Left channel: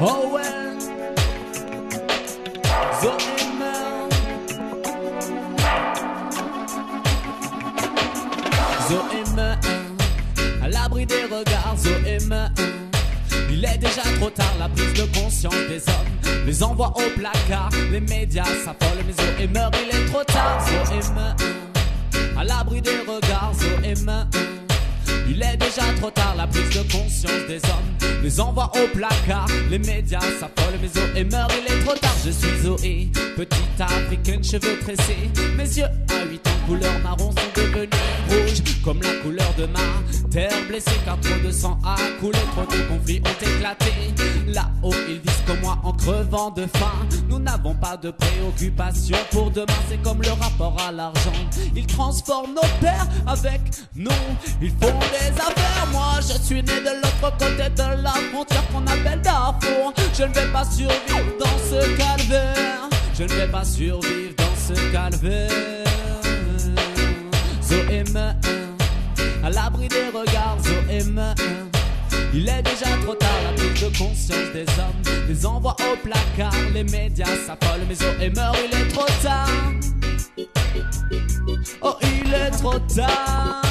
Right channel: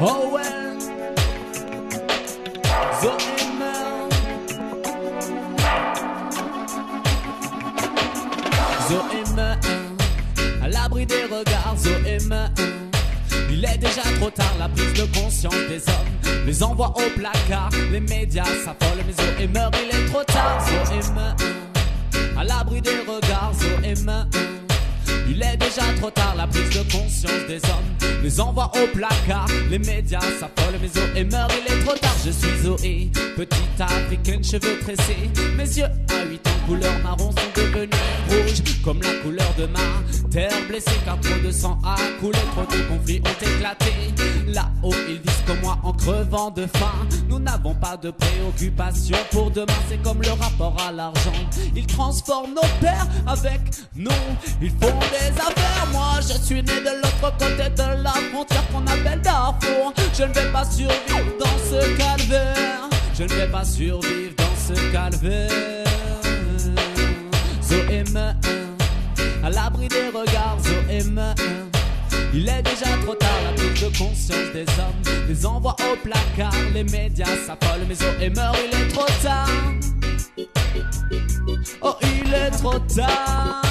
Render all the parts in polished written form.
Oh ouais, Zoéma, Zoéma, à l'abri des regards, Zoéma. Il est déjà trop tard, la prise de conscience des hommes les envoie au placard. Les médias s'affolent, mais Zoéma, il est trop tard, Zoéma. À l'abri des regards, Zoéma. Il est déjà trop tard, la prise de conscience des hommes les envoie au placard. Les médias s'affolent, mais Zoé meurt, il est trop tard. Je suis Zoé, petite africaine, cheveux tressés. Mes yeux à 8 ans, couleur marron, sont devenus rouges comme la couleur de ma terre blessée. Car trop de sang a coulé, trop de conflits ont éclaté. Là-haut, ils disent comme moi en crevant de faim. Nous n'avons pas de préoccupation pour demain, c'est comme le rapport à l'argent. Ils transforment nos pères avec nous, ils font des affaires. Moi je suis né de l'autre côté de la frontière qu'on appelle Darfour. Je ne vais pas survivre dans ce calvaire. Je ne vais pas survivre dans ce calvaire. Zoéma, à l'abri des regards, Zoéma. Il est déjà trop tard, la prise de conscience des hommes les envoie au placard. Les médias s'affolent, mais Zoéma, il est trop tard. Oh, il est trop tard.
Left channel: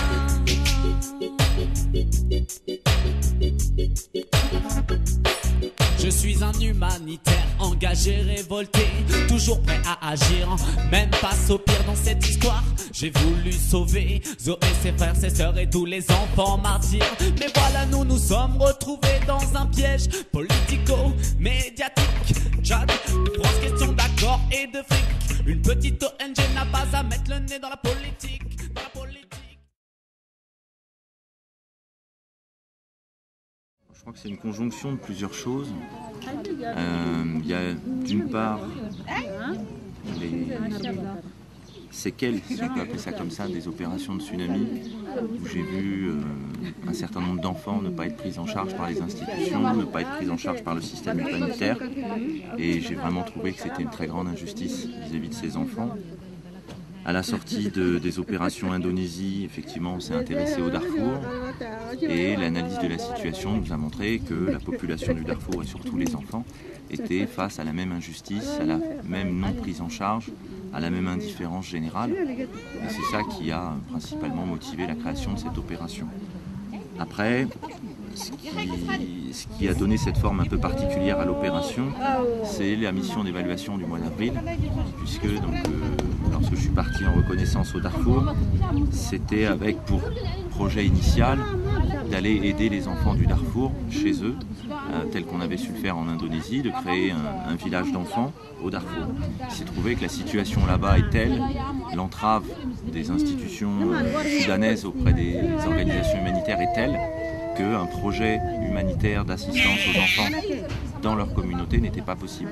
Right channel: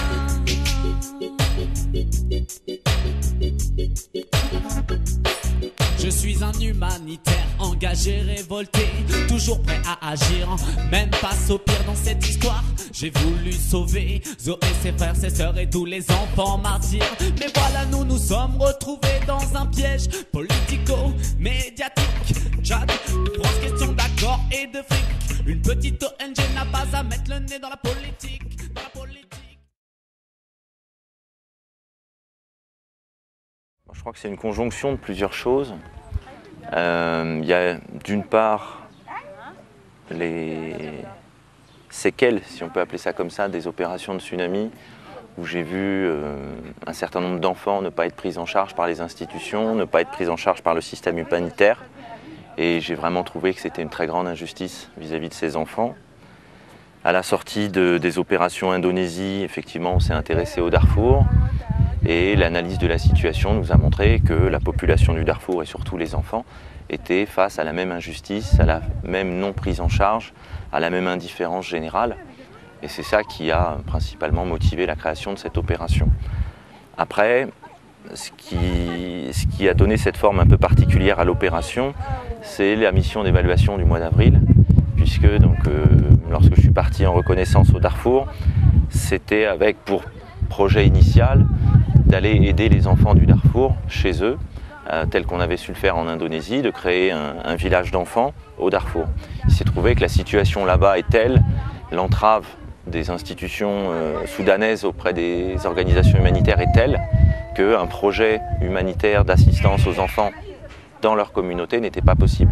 Je suis un humanitaire engagé, révolté, toujours prêt à agir, même face au pire dans cette histoire. J'ai voulu sauver Zoé, ses frères, ses sœurs et tous les enfants martyrs. Mais voilà, nous nous sommes retrouvés dans un piège politico-médiatique. Tchad, grosse question d'accord et de fric. Une petite ONG n'a pas à mettre le nez dans la politique. Je crois que c'est une conjonction de plusieurs choses. Il y a d'une part les séquelles, si on peut appeler ça comme ça, des opérations de tsunami, où j'ai vu un certain nombre d'enfants ne pas être pris en charge par les institutions, ne pas être pris en charge par le système humanitaire. Et j'ai vraiment trouvé que c'était une très grande injustice vis-à-vis de ces enfants. À la sortie des opérations Indonésie, effectivement, on s'est intéressé au Darfour. Et l'analyse de la situation nous a montré que la population du Darfour, et surtout les enfants, étaient face à la même injustice, à la même non prise en charge, à la même indifférence générale. Et c'est ça qui a principalement motivé la création de cette opération. Après, ce qui a donné cette forme un peu particulière à l'opération, c'est la mission d'évaluation du mois d'avril, puisque lorsque je suis parti en reconnaissance au Darfour, c'était avec pour projet initial d'aller aider les enfants du Darfour chez eux, tel qu'on avait su le faire en Indonésie, de créer un village d'enfants au Darfour. Il s'est trouvé que la situation là-bas est telle, l'entrave des institutions soudanaises auprès des organisations humanitaires est telle qu'un projet humanitaire d'assistance aux enfants dans leur communauté n'était pas possible.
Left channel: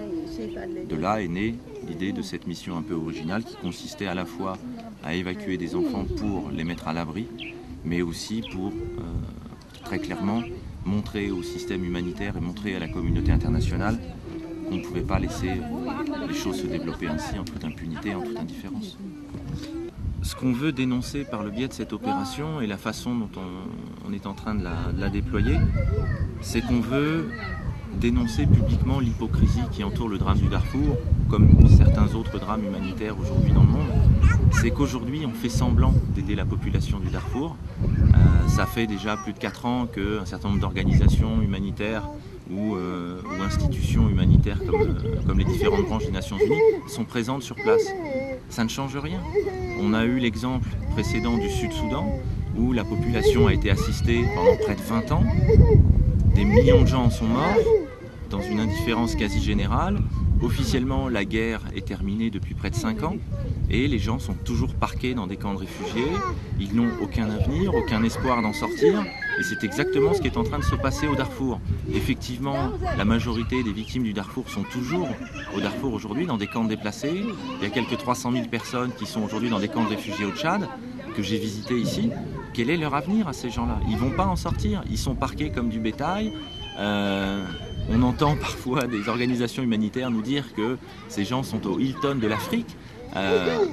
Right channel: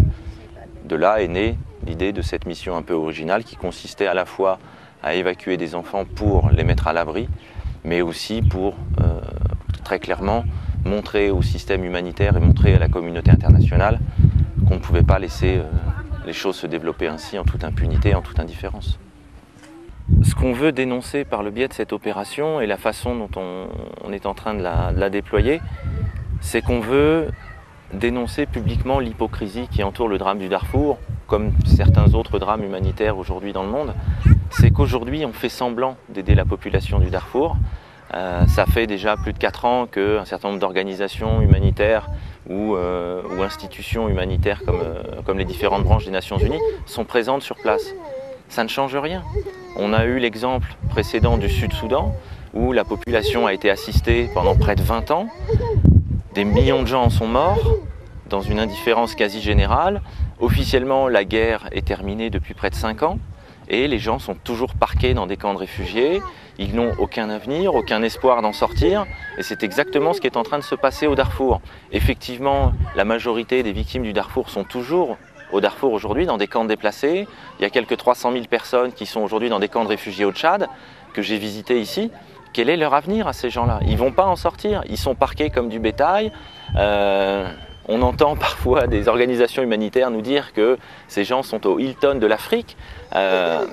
De là est née l'idée de cette mission un peu originale qui consistait à la fois à évacuer des enfants pour les mettre à l'abri, mais aussi pour très clairement montrer au système humanitaire et montrer à la communauté internationale qu'on ne pouvait pas laisser les choses se développer ainsi en toute impunité, en toute indifférence. Ce qu'on veut dénoncer par le biais de cette opération et la façon dont on est en train de la déployer, c'est qu'on veut dénoncer publiquement l'hypocrisie qui entoure le drame du Darfour, comme certains autres drames humanitaires aujourd'hui dans le monde. C'est qu'aujourd'hui on fait semblant d'aider la population du Darfour. Ça fait déjà plus de 4 ans qu'un certain nombre d'organisations humanitaires ou institutions humanitaires comme les différentes branches des Nations Unies sont présentes sur place. Ça ne change rien. On a eu l'exemple précédent du Sud-Soudan où la population a été assistée pendant près de 20 ans. Des millions de gens en sont morts dans une indifférence quasi générale. Officiellement, la guerre est terminée depuis près de 5 ans. Et les gens sont toujours parqués dans des camps de réfugiés, ils n'ont aucun avenir, aucun espoir d'en sortir, et c'est exactement ce qui est en train de se passer au Darfour. Effectivement, la majorité des victimes du Darfour sont toujours au Darfour aujourd'hui, dans des camps de déplacés. Il y a quelques 300 000 personnes qui sont aujourd'hui dans des camps de réfugiés au Tchad, que j'ai visités ici. Quel est leur avenir à ces gens-là? Ils ne vont pas en sortir, ils sont parqués comme du bétail. On entend parfois des organisations humanitaires nous dire que ces gens sont au Hilton de l'Afrique.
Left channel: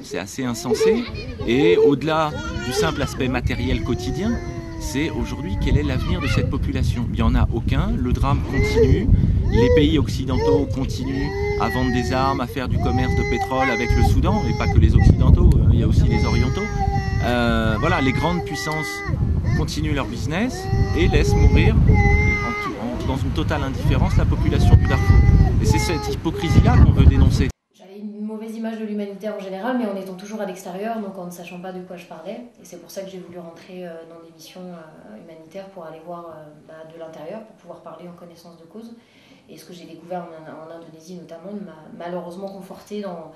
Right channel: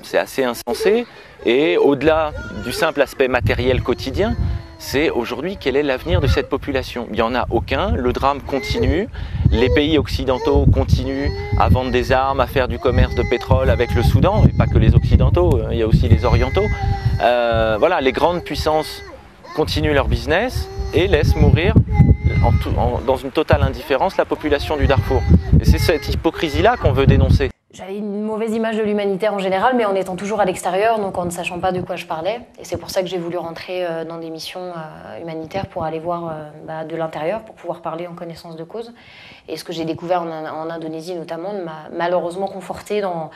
C'est assez insensé. Et au-delà du simple aspect matériel quotidien, c'est aujourd'hui quel est l'avenir de cette population. Il n'y en a aucun, le drame continue, les pays occidentaux continuent à vendre des armes, à faire du commerce de pétrole avec le Soudan, et pas que les occidentaux, il y a aussi les orientaux. Voilà, les grandes puissances continuent leur business et laissent mourir dans une totale indifférence la population du Darfour. Et c'est cette hypocrisie-là qu'on veut dénoncer. J'avais une mauvaise image de l'humanitaire en général, mais en étant toujours à l'extérieur, donc en ne sachant pas de quoi je parlais. Et c'est pour ça que j'ai voulu rentrer dans des missions humanitaires pour aller voir de l'intérieur, pour pouvoir parler en connaissance de cause. Et ce que j'ai découvert en Indonésie notamment m'a malheureusement conforté dans...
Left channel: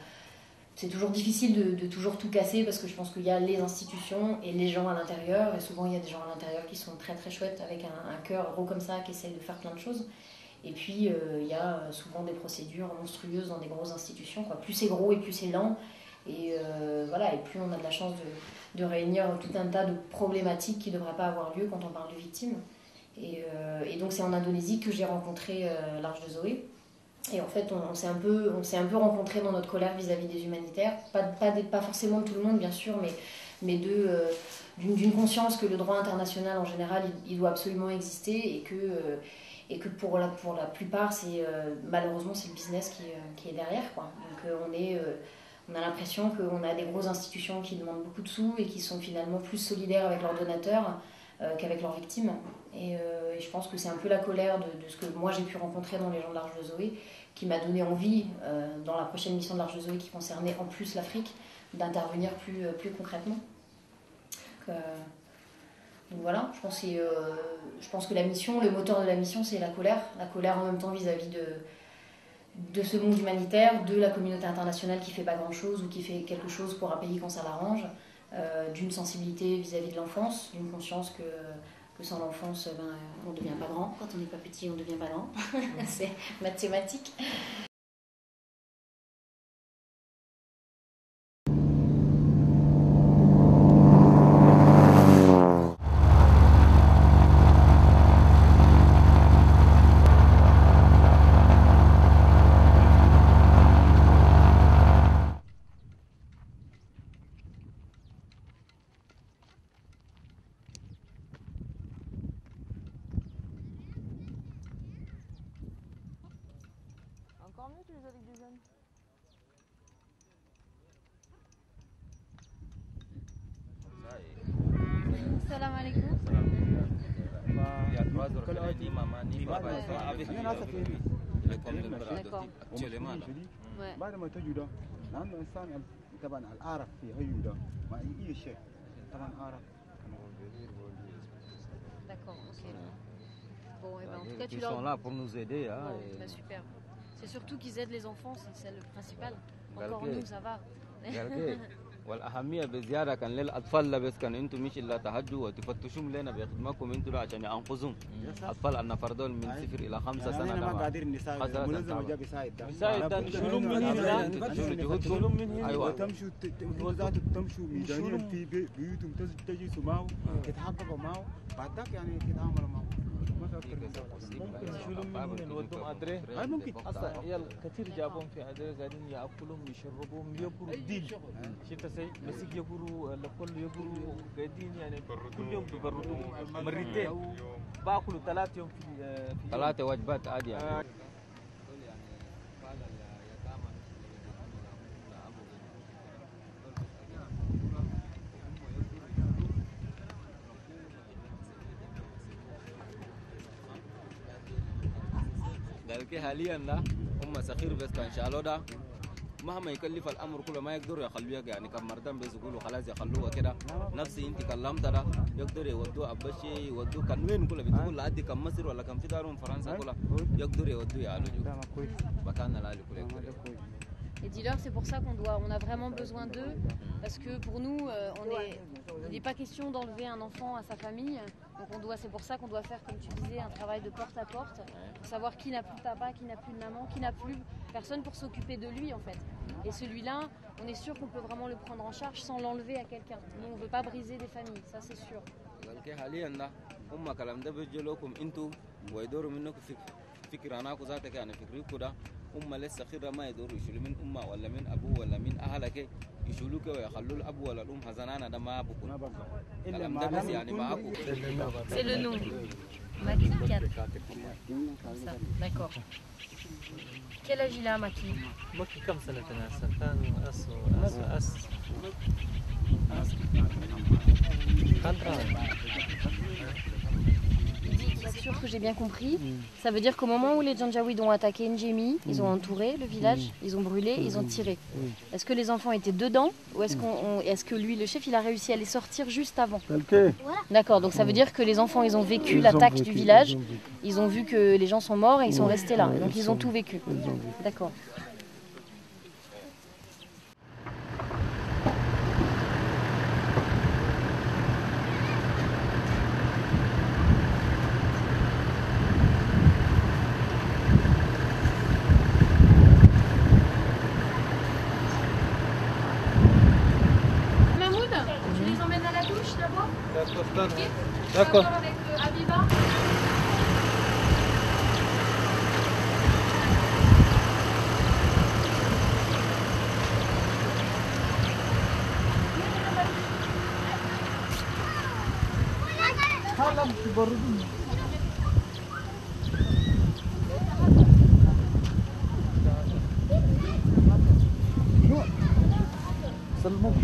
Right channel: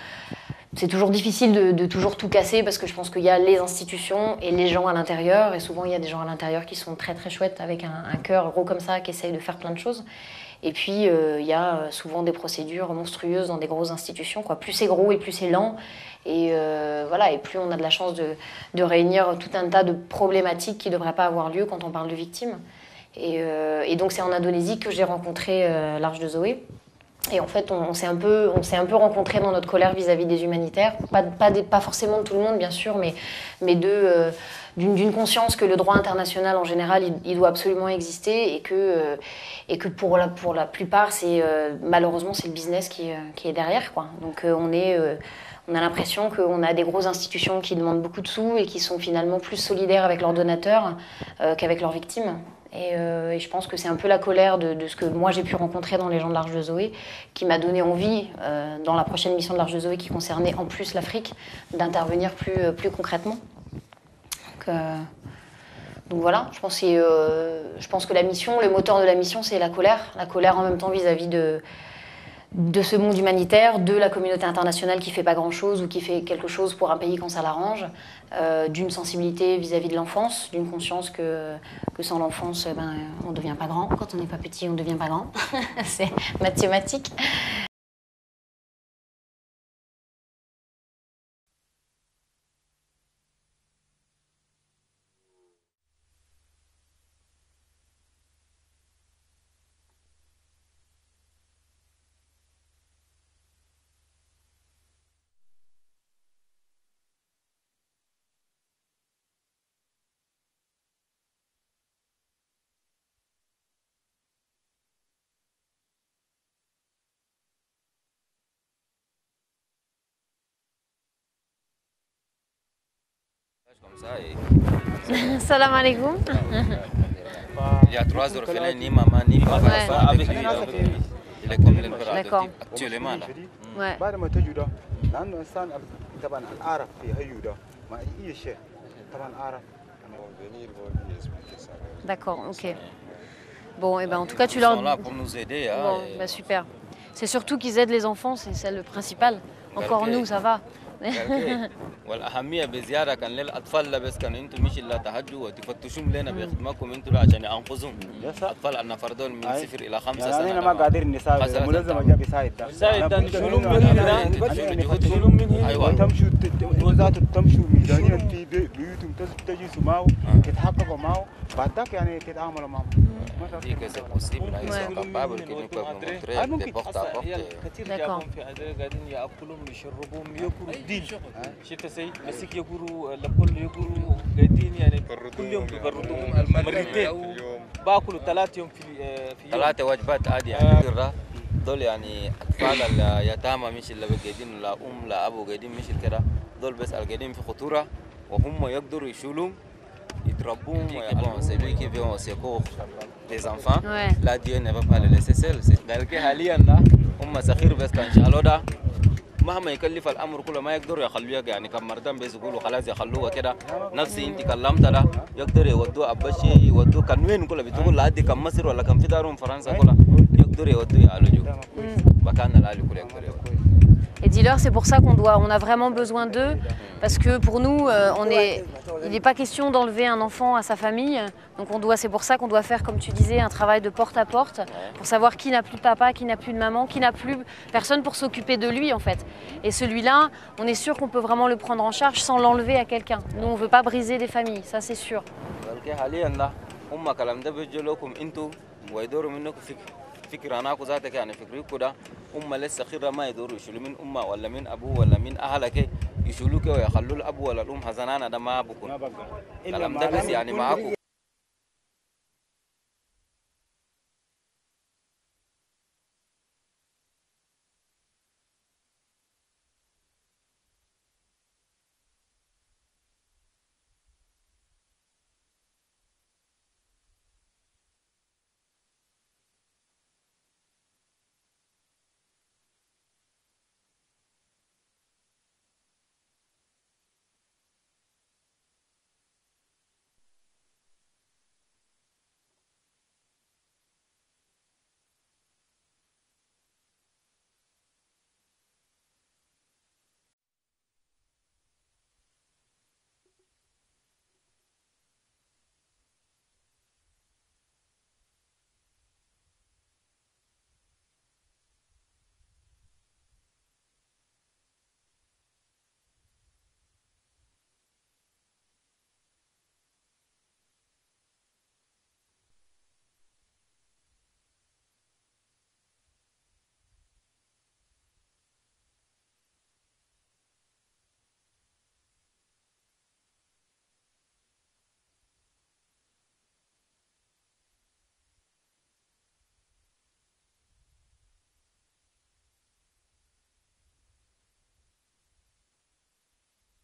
C'est toujours difficile de toujours tout casser parce que je pense qu'il y a les institutions et les gens à l'intérieur. Et souvent, il y a des gens à l'intérieur qui sont très très chouettes avec un cœur gros comme ça, qui essayent de faire plein de choses. Et puis, il y a souvent des procédures monstrueuses dans des grosses institutions, quoi. Plus c'est gros et plus c'est lent. Et, voilà, et plus on a de la chance de réunir tout un tas de problématiques qui ne devraient pas avoir lieu quand on parle de victimes. Et donc, c'est en Indonésie que j'ai rencontré l'Arche de Zoé. Et en fait, on s'est un peu rencontrés dans notre colère vis-à-vis des humanitaires. Pas forcément de tout le monde, bien sûr, mais d'une conscience que le droit international, en général, il doit absolument exister et que pour la plupart, malheureusement, c'est le business qui est derrière, quoi. Donc, on a l'impression qu'on a des grosses institutions qui demandent beaucoup de sous et qui sont finalement plus solidaires avec leurs donateurs qu'avec leurs victimes. Et je pense que c'est un peu la colère de ce que moi j'ai pu rencontrer dans les gens de l'Arche de Zoé qui m'a donné envie, dans la prochaine mission de l'Arche de Zoé qui concernait en plus l'Afrique, d'intervenir plus concrètement. Donc voilà, je pense que la mission, le moteur de la mission, c'est la colère en même temps vis-à-vis de ce monde humanitaire, de la communauté internationale qui ne fait pas grand-chose ou qui fait quelque chose pour un pays quand ça l'arrange, d'une sensibilité vis-à-vis de l'enfance, d'une conscience que sans l'enfance, on ne devient pas grand. Quand on n'est pas petit, on ne devient pas grand. C'est mathématique. Salam alaikum. Il y a 3 orphelins, ni maman, ni papa, avec lui. Il est comme le D'accord. actuellement. Ouais. D'accord, ok. Bon, et ben en tout cas, tu leur... Ils sont là pour nous aider. Bon, bah, super. C'est surtout qu'ils aident les enfants, c'est le principal. Encore nous, ça va. والأهمية بزيادة كان للأطفال لا بس كان أنتم مش اللي تهجوا وتفتشوا لنا بخدمتكم أنتم عشان أنقذهم أطفال أن فردون من 0 إلى 5 سنة. أنا ما قادر نساعد ملزم أجاب يساعد نشيلهم من هنا نشيلهم من هنا وتمشوا وزات تمشوا ميدانيا في بيوتهم تجي سماو تتحققوا معه بعدك يعني تتعاملوا معه. دي كذا possible هاي سبب بابل كني كم متري بوقت كثير جاهم في هذا قاعدين يأكلون ويشربون يأكلوا الدين شتى سي مسك يأكلوا لكل يأكلوا قاعدين يعني كل يوم بيبردوا مرتين باكلوا 3 يوم في 3 وجبات عادي يعني دول يعني أطفال اليتامى مش اللي قاعدين لا لا أبو قاعدين مش كده دول بس قاعدين في خطورة وهم يقدروا يشيلهم يتربون celui qui vient au secours des enfants là Dieu ne va pas le laisser seul c'est حاليا لا هم صغير بس كان شالوا ده مهما يكلف الامر كله ما يقدروا يخلوه يعني كم مرتين بس يقولوا خلاص يخلوه كده نفسي انت كلمت ده يقدر يودوه ابشي يودوه كان وين كله بتقول لحد كم مصر ولا كم في دارهم فرنسا كله يقدر يودوه يعالجوا مكان العالي كله يقدر يودوه. Et dis-leur, c'est pour ça on a vraiment besoin d'eux, parce que pour nous, il n'est pas question d'enlever un enfant à sa famille. Donc c'est pour ça qu'on doit faire, comme tu disais, un travail de porte à porte, pour savoir qui n'a plus de papa, qui n'a plus de maman, qui n'a plus personne pour s'occuper de lui en fait. Et celui-là, on est sûr qu'on peut vraiment le prendre en charge sans l'enlever à quelqu'un. Nous, on ne veut pas briser des familles, ça c'est sûr. فكرة أنا أكو ذاتك يعني فكري كده لسه خيرة ما يدوروا يشيلوا من ولا من أبوه ولا من أهلك يشيلوك ويخلوا الأب ولا هزنانة ده ما بكون كلام ده بس يعني معاكم. C'est le nom. Maki 4. D'accord. Quel âge il a, Maki? مكي كم سنة هسه؟ كان أس C'est sûr que j'ai bien compris. Ça veut dire qu'au moment où les Janjaouides ont attaqué Njemi, ils ont entouré le village, ils ont brûlé, ils ont tiré. Est-ce que les enfants étaient dedans ou est-ce que lui, le chef, il a réussi à les sortir juste avant? D'accord, donc ça veut dire que les enfants, ils ont vécu l'attaque du village, ils ont vu que les gens sont morts et ils sont restés là. Donc ils ont tout vécu. D'accord. D'accord. Avec Abiba.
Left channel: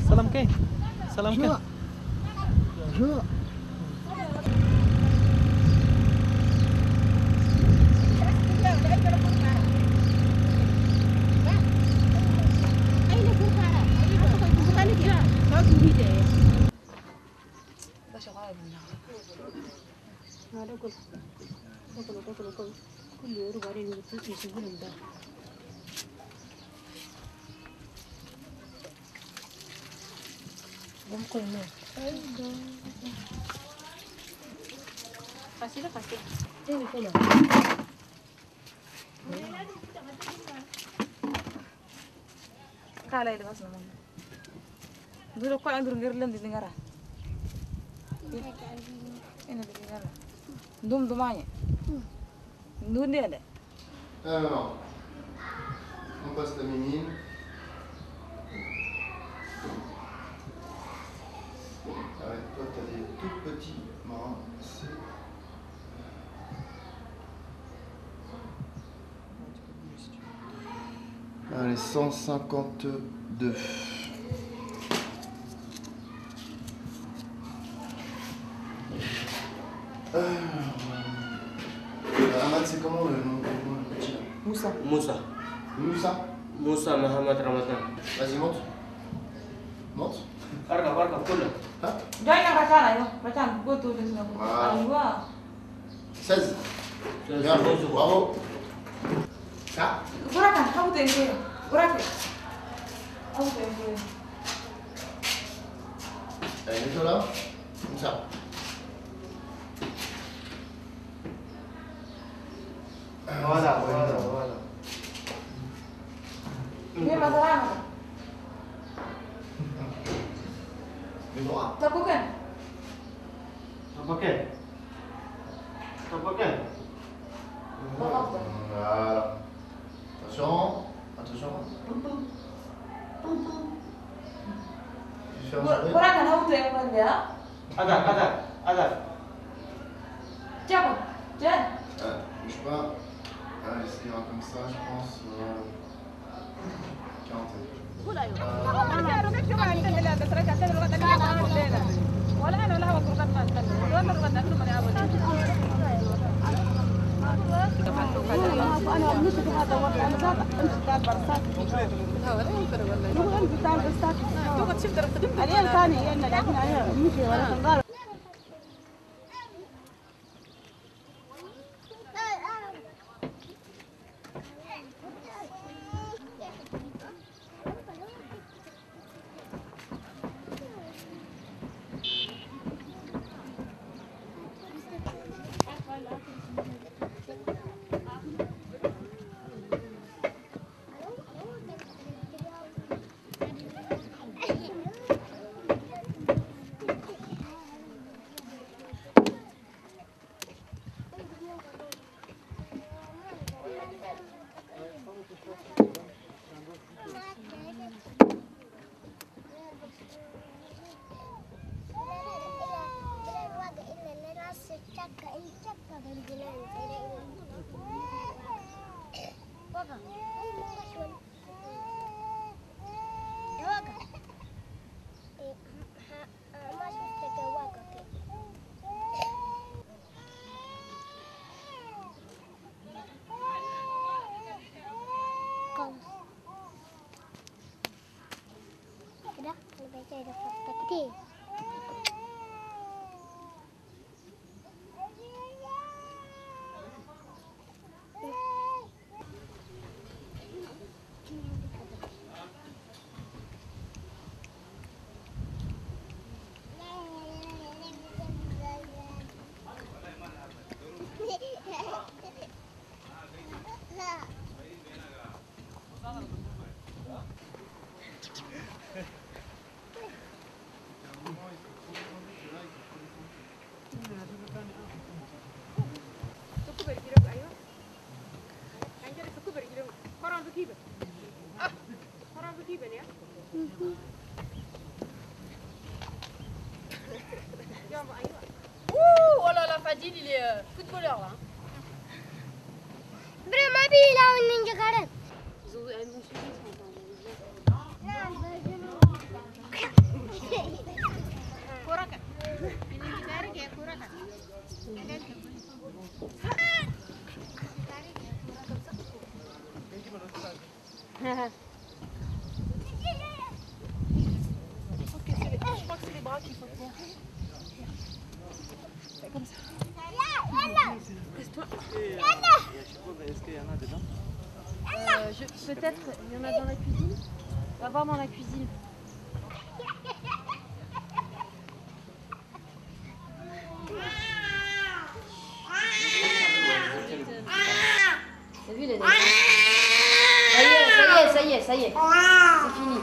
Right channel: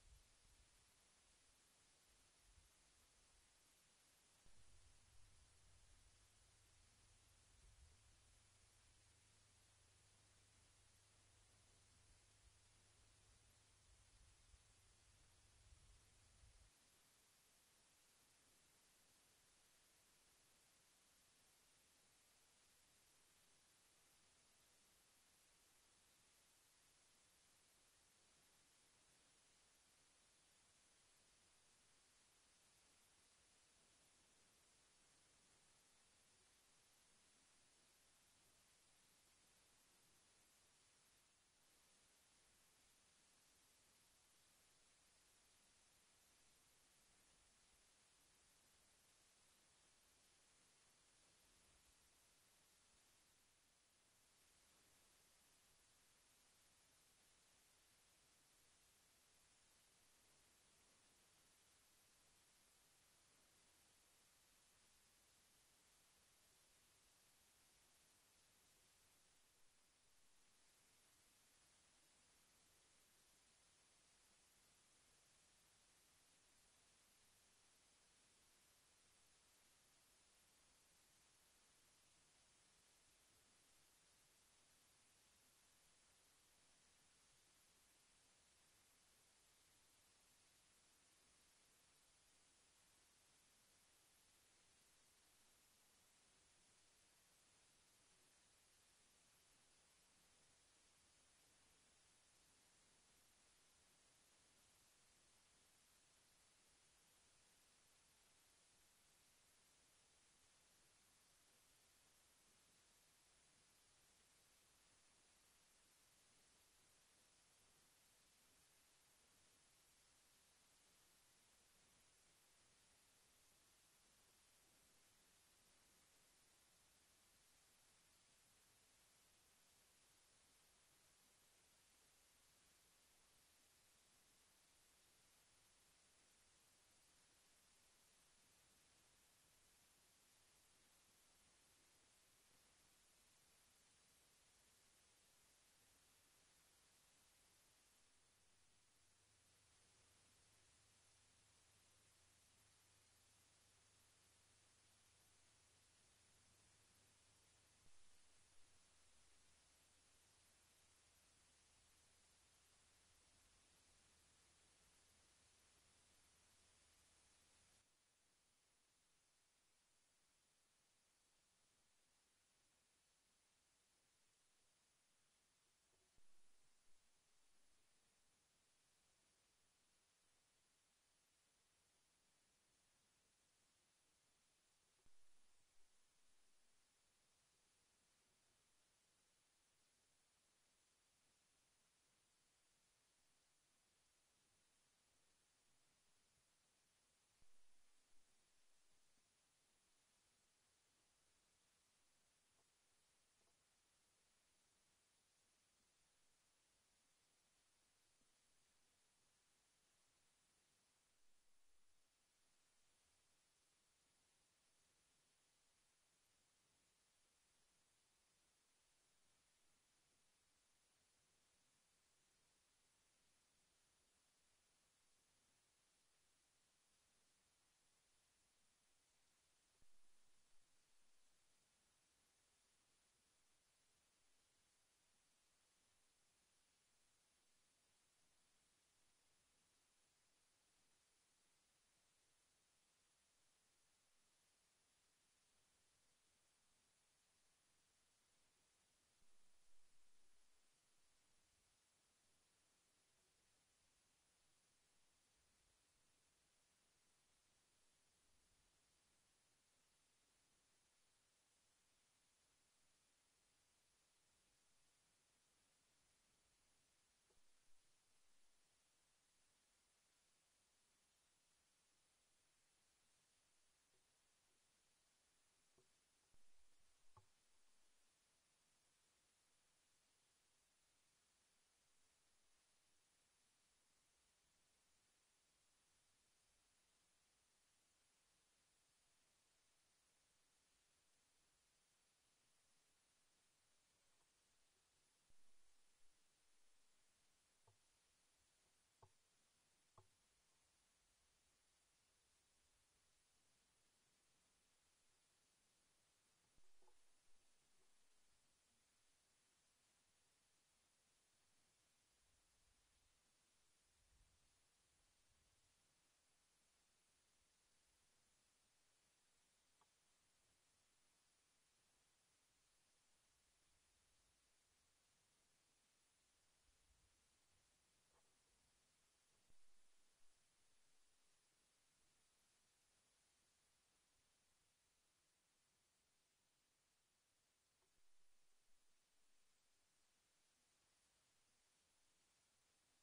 سلام كين سلام كين Kala ile basna mama. Dulu ko andur ngirlan di ngara. Ina di ngara. Dum dumanya. Ndunde de. Alors, on passe la mémine. Ouais, toi, t'as des tout petits marins. Allez, 152. Ahmad, c'est comment le nom du petit là? Moussa. Moussa. Moussa? Moussa Mohamed Ramadan. Vas-y, monte. Monte. Barka, barka, kulla. Hein? Joina ratana yo. Ratana go to de sina. Voilà. Aywa. 16. Bien, bravo. Ah, Burakan hawte ngere. Burake. Hawte ngere. allez, mets-toi là. Comme ça. Voilà, voilà, voilà. Ni mazarana. Le droit. Tabukan. Tabaken. Tabaken. Voilà. Attention. Attention. Fais un sourire. Burakan hawte ngere. Adar, adar, adar. Tiens. Tiens. Bouge pas. Allez, ce qui ira comme ça, je pense. 40. Oh là là, Fadil, il est footballeur là. Je crois que c'est les bras qu'il faut tenir. Fais comme ça. Reste-toi. Est-ce qu'il y en a dedans? Peut-être, il y en a dans la cuisine. On va voir dans la cuisine. T'as vu les dents? Ça y est, c'est fini.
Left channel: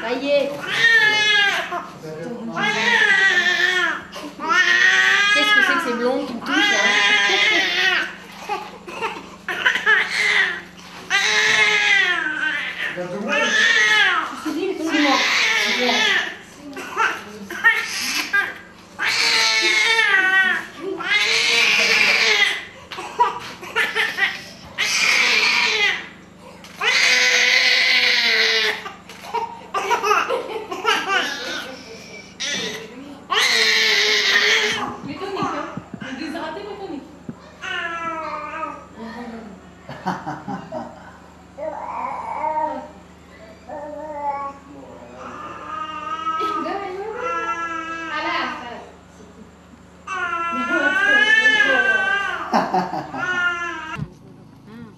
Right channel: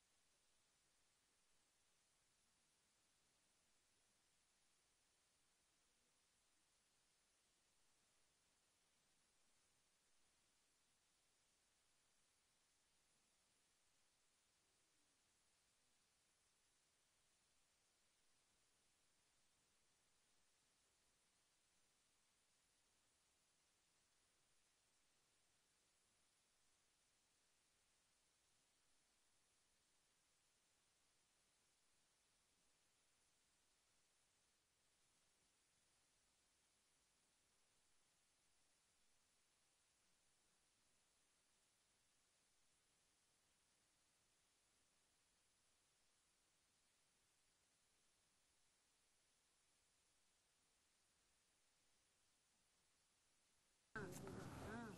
Ça y est. Qu'est-ce que c'est que ces blondes qui me touchent là?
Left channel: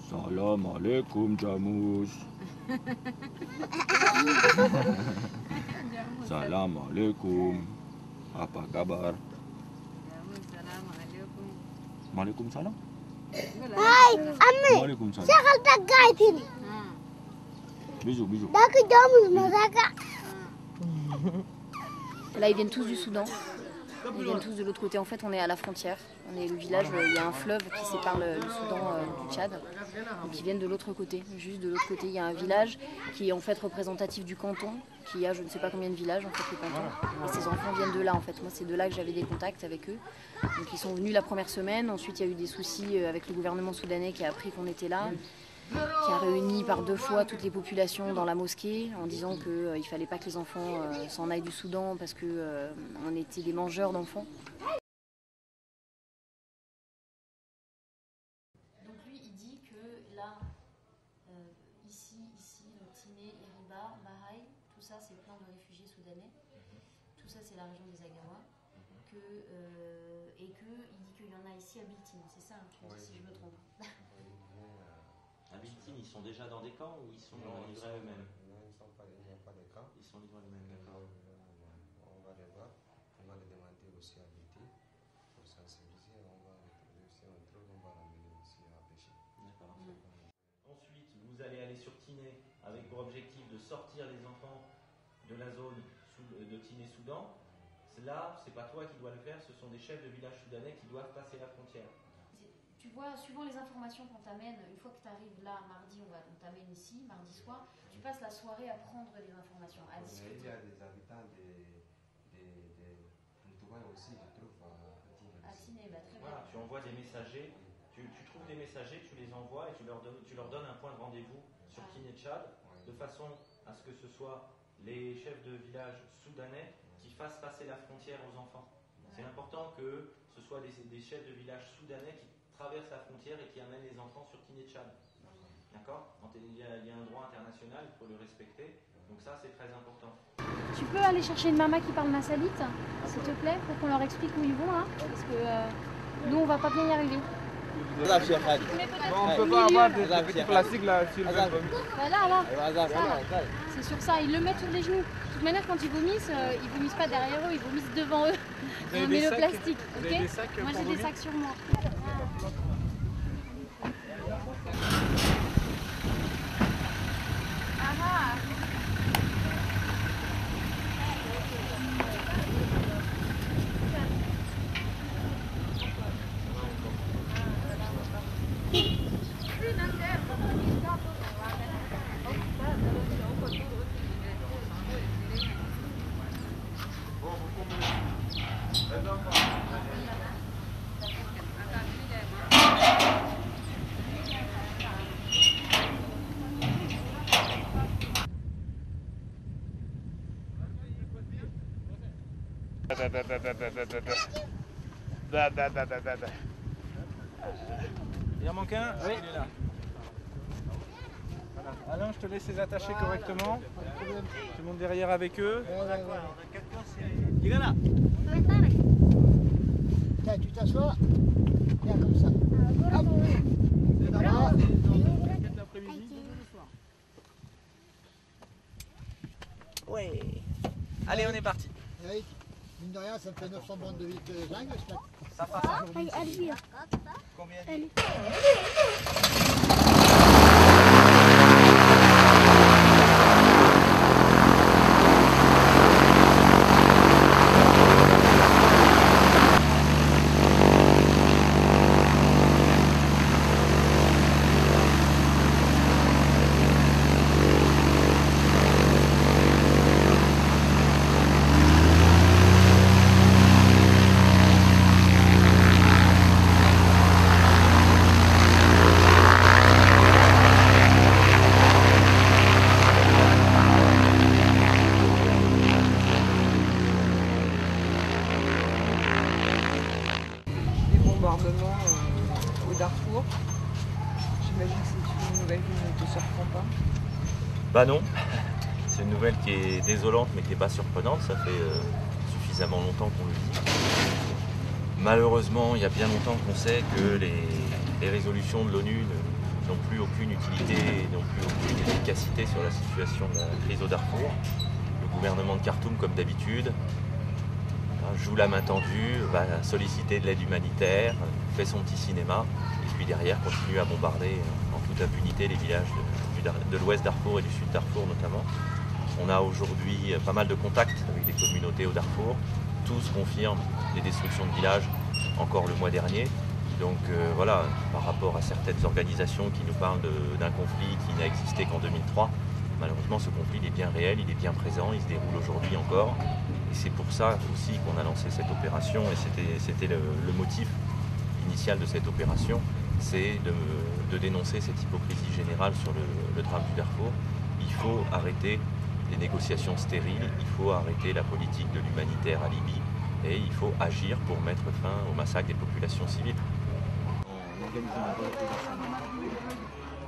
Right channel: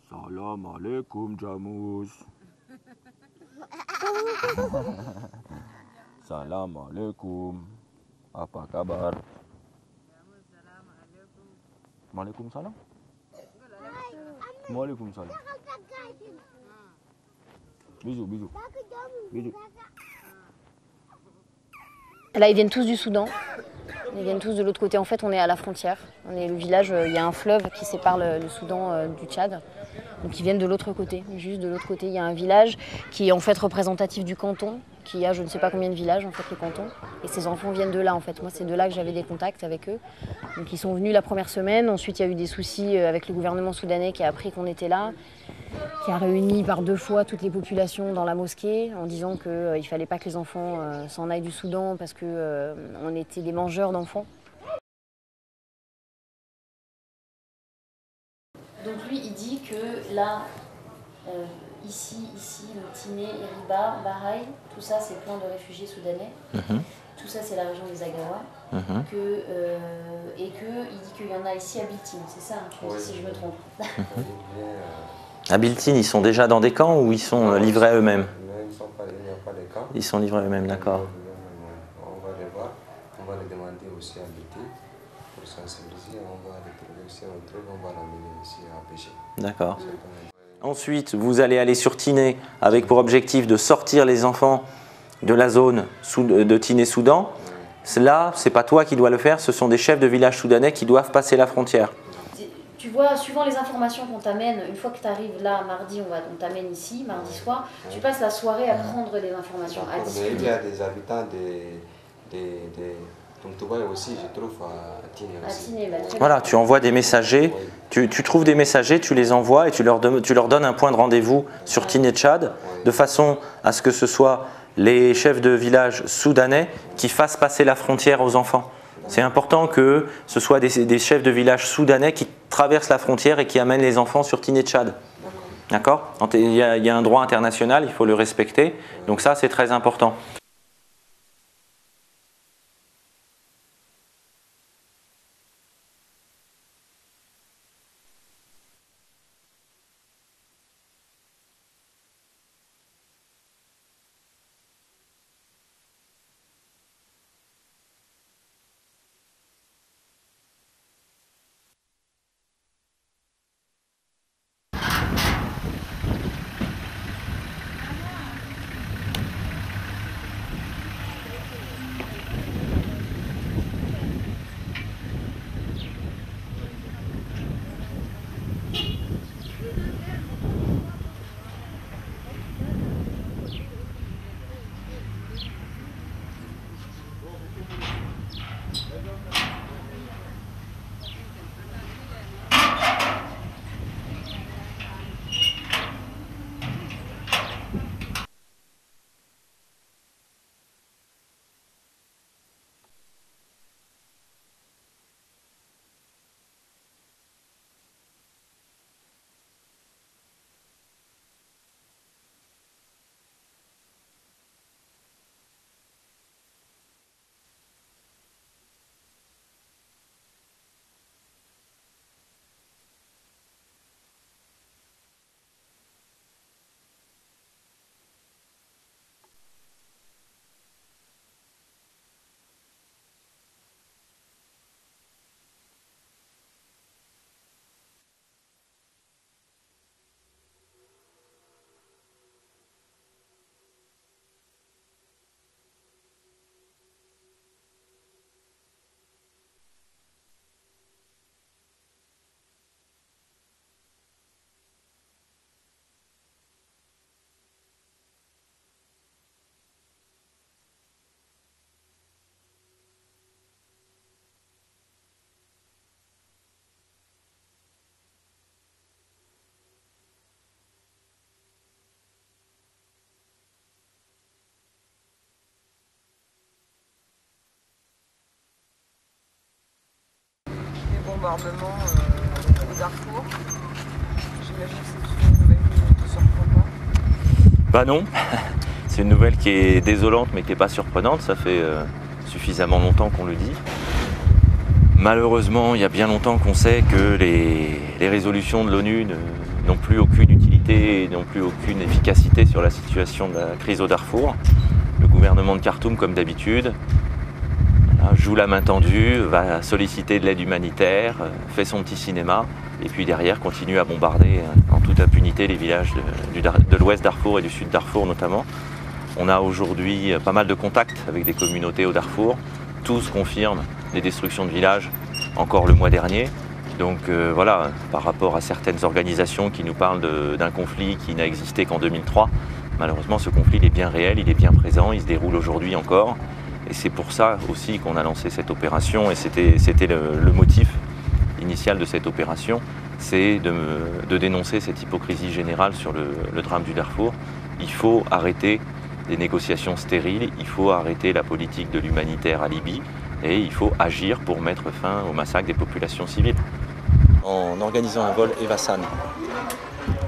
Salam alaikum Jamus. Salam alaikum. Apa kabar? Maalaikum salam. Hai, Ami. Maalaikum salam. Saya tak gaitin. Bisous, bisous. Dah ke Jamus, Mazaka. Là, ils viennent tous du Soudan. Ils viennent tous de l'autre côté. En fait, on est à la frontière. On est le village, il y a un fleuve qui sépare le Soudan du Tchad. Donc ils viennent de l'autre côté. Juste de l'autre côté, il y a un village qui est en fait représentatif du canton, qui a je ne sais pas combien de villages en fait le canton. Et ces enfants viennent de là en fait. Moi, c'est de là que j'avais des contacts avec eux. Donc ils sont venus la première semaine. Ensuite, il y a eu des soucis avec le gouvernement soudanais qui a appris qu'on était là, qui a réuni par 2 fois toutes les populations dans la mosquée en disant qu'il ne fallait pas que les enfants s'en aillent du Soudan parce qu'on était des mangeurs d'enfants. Donc lui, il dit que là, ici, le Tiné, Iriba, Bahreïn, tout ça c'est plein de réfugiés soudanais. Tout ça c'est la région des Agawa. Et qu'il dit qu'il y en a ici à Biltine, c'est ça, tu me dis si je me trompe. À Biltine, ils sont déjà dans des camps ou ils sont livrés à eux-mêmes? Ils ne sont pas, il n'y a pas de camps. Ils sont livrés à eux-mêmes, d'accord. On va les voir, on va les demander aussi à Biltine pour sensibiliser, on va les trouver, si on trouve, on va l'amener ici à pêcher. D'accord. Ensuite, vous allez aller sur Tiné avec pour objectif de sortir les enfants de la zone de Tiné-Soudan Là, c'est pas toi qui dois le faire, ce sont des chefs de village soudanais qui doivent passer la frontière. Tu vois, suivant les informations qu'on t'amène, une fois que tu arrives là, mardi, on t'amène ici, mardi soir, tu passes la soirée à prendre des informations, à discuter. Mais il y a des habitants de Tumtubaï aussi, je trouve, à Tiné aussi. Voilà, tu envoies des messagers, tu trouves des messagers, tu les envoies et tu leur donnes un point de rendez-vous sur Tiné Tchad, de façon à ce que ce soit les chefs de village soudanais qui fassent passer la frontière aux enfants. C'est important que ce soit des chefs de village soudanais qui traversent la frontière et qui amènent les enfants sur Tiné Tchad. D'accord ? Il y a un droit international, il faut le respecter. Donc ça, c'est très important. Tu peux aller chercher une maman qui parle massalite, s'il te plaît, pour qu'on leur explique où ils vont, hein, parce que nous, on va pas bien y arriver. On ne peut pas avoir des petits plastiques là sur le vomi. Là. C'est sur ça, ils le mettent sur les genoux. De toute manière, quand ils vomissent pas derrière eux, ils vomissent devant eux. On met le plastique, ok ? Moi j'ai des sacs sur moi. Il y en manque un? Oui. Il est là. Voilà. Alain, je te laisse les attacher correctement. Tu montes derrière avec eux. Il est là. Tu t'assois. Viens comme ça. Oui. Allez, on est parti. Eric, mine de rien, ça me fait 900 bandes de vite zinc. Ça passe aujourd'hui. Combien? Bombardement au Darfour. J'imagine que c'est une nouvelle qui ne te surprend pas. Bah non, c'est une nouvelle qui est désolante mais qui n'est pas surprenante, ça fait suffisamment longtemps qu'on le dit. Malheureusement, il y a bien longtemps qu'on sait que les résolutions de l'ONU n'ont plus aucune utilité, n'ont plus aucune efficacité sur la situation de la crise au Darfour. Le gouvernement de Khartoum, comme d'habitude, joue la main tendue, va solliciter de l'aide humanitaire, fait son petit cinéma, et puis derrière continue à bombarder en toute impunité les villages de l'ouest Darfour et du sud Darfour notamment. On a aujourd'hui pas mal de contacts avec des communautés au Darfour. Tous confirment les destructions de villages encore le mois dernier. Donc voilà, par rapport à certaines organisations qui nous parlent d'un conflit qui n'a existé qu'en 2003, malheureusement ce conflit il est bien réel, il est bien présent, il se déroule aujourd'hui encore. Et c'est pour ça aussi qu'on a lancé cette opération et c'était le motif initial de cette opération, c'est de dénoncer cette hypocrisie générale sur le drame du Darfour. Il faut arrêter les négociations stériles, il faut arrêter la politique de l'humanitaire à Libye et il faut agir pour mettre fin au massacre des populations civiles. En organisant un vol Evasan,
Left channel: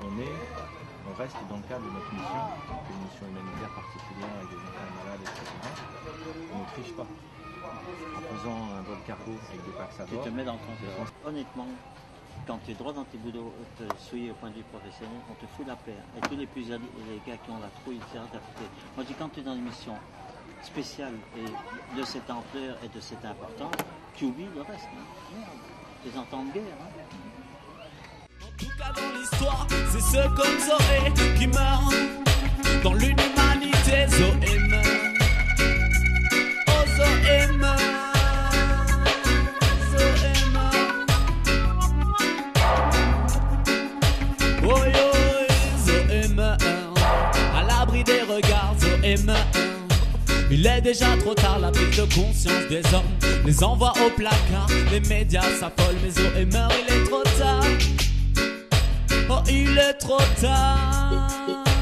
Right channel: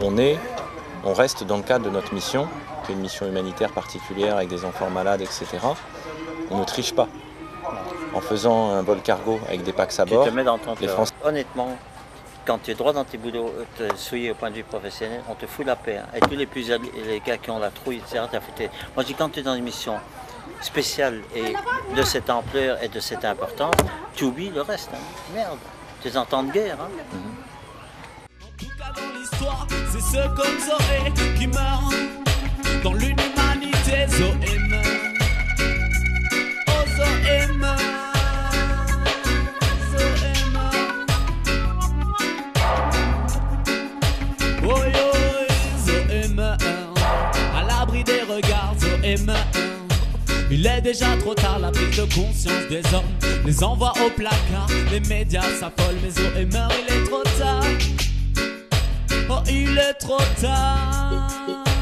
on reste dans le cadre de notre mission, qui est une mission humanitaire particulière avec des enfants malades, etc. On ne triche pas. En faisant un vol cargo avec des packs à bord, tu te mets dans ton Français... Honnêtement, quand tu es droit dans tes boulots, te souiller au point de vue professionnel, on te fout la paix. Hein. Et tous les gars qui ont la trouille, etc., t'as foutu. Moi, je dis quand tu es dans une mission spéciale et de cette ampleur et de cette importance, tu oublies le reste. Hein. Merde, tu es en temps de guerre. Hein. En tout cas, dans l'histoire, c'est ceux comme Zoé qui meurent. Dans l'inhumanité, Zoé meurt. Zoé meurt. Il est déjà trop tard, la prise de conscience des hommes les envoie au placard. Les médias s'affolent, mais OMR, il est trop tard. Oh, il est trop tard.